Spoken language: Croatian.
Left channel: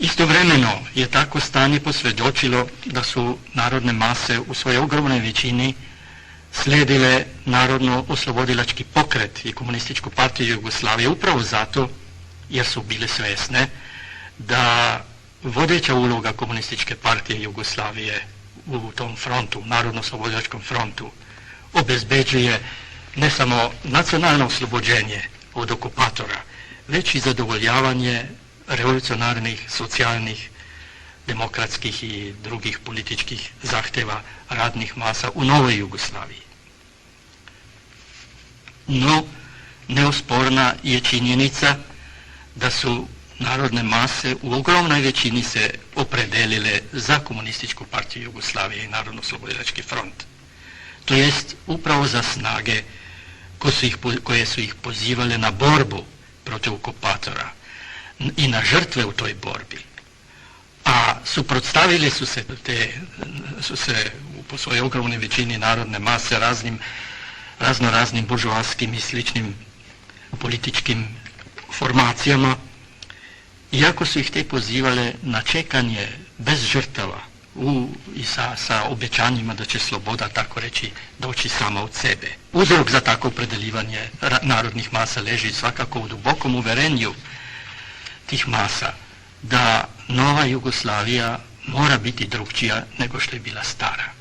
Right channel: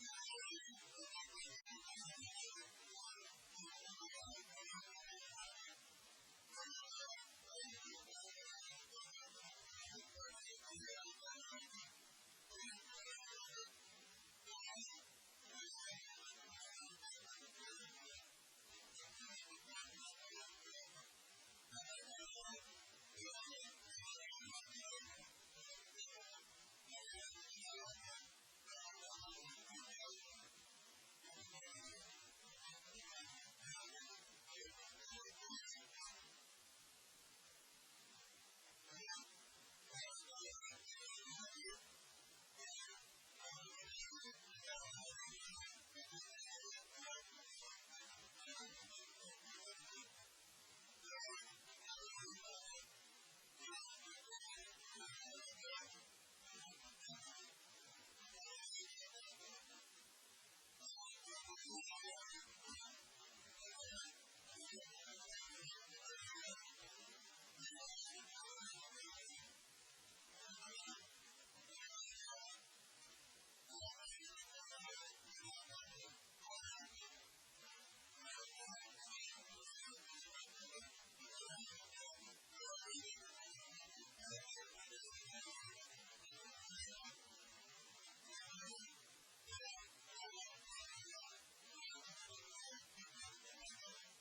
Istovremeno je tako stanje posvjedočilo da su narodne mase u svojoj ogromnoj većini slijedile Narodno-oslobodilački pokret i Komunističku partiju Jugoslavije upravo zato jer su bile svjesne da vodeća uloga Komunističke partije Jugoslavije u tom frontu, Narodno-oslobodilačkom frontu, obezbeđuje ne samo nacionalno oslobođenje od okupatora, već i zadovoljavanje revolucionarnih, socijalnih, demokratskih i drugih političkih zahtjeva radnih masa u novoj Jugoslaviji. No, neosporna je činjenica da su narodne mase u ogromnoj većini se opredelile za Komunističku partiju Jugoslavije i Narodno-oslobodilački front. To jest upravo za snage koje su ih pozivale na borbu protiv okupatora i na žrtve u toj borbi. A suprotstavili su se po svojoj ogromnoj većini narodne mase raznoraznim buržoaskim i sličnim političkim formacijama, iako su ih te pozivale na čekanje bez žrtava i sa obećanjima da će sloboda, tako reći, doći sama od sebe. Uzrok za takvo opredeljivanje narodnih masa leži svakako u dubokom uverenju tih masa da nova Jugoslavija mora biti drukčija nego što je bila stara.